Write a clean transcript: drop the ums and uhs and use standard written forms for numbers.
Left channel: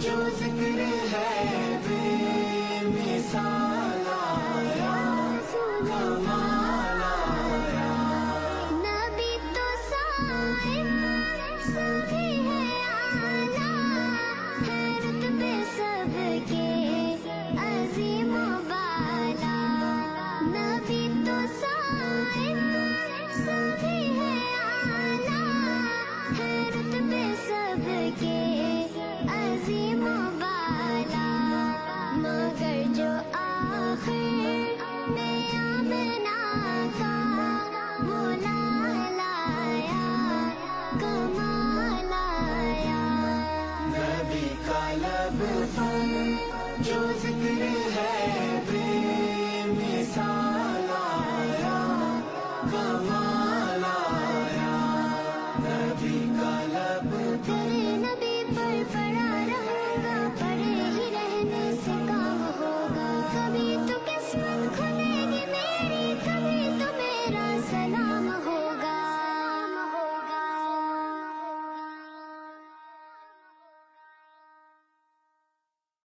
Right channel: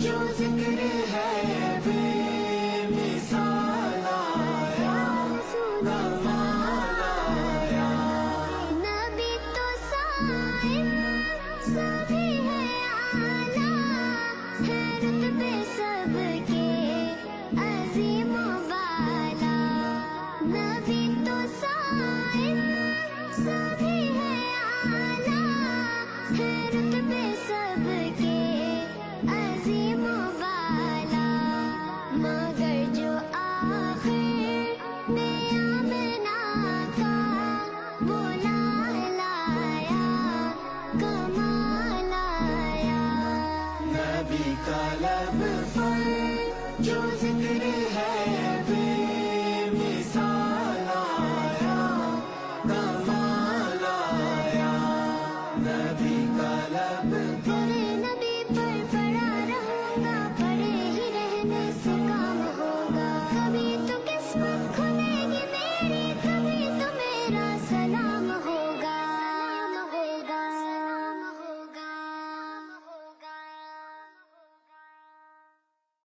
جو ذکر ہے بے مثال آیا رسول آیا، نبی تو صائم سبھی ہے اعلیٰ، ہے رتبے سب کے عظیم و بالا، نبی تو صائم سبھی ہے اعلیٰ، ہے رتبے سب کے عظیم و بالا، مگر جو آخر میں آمنہ کا بولا لایا کمال آیا، نبی کا لب پر جو ذکر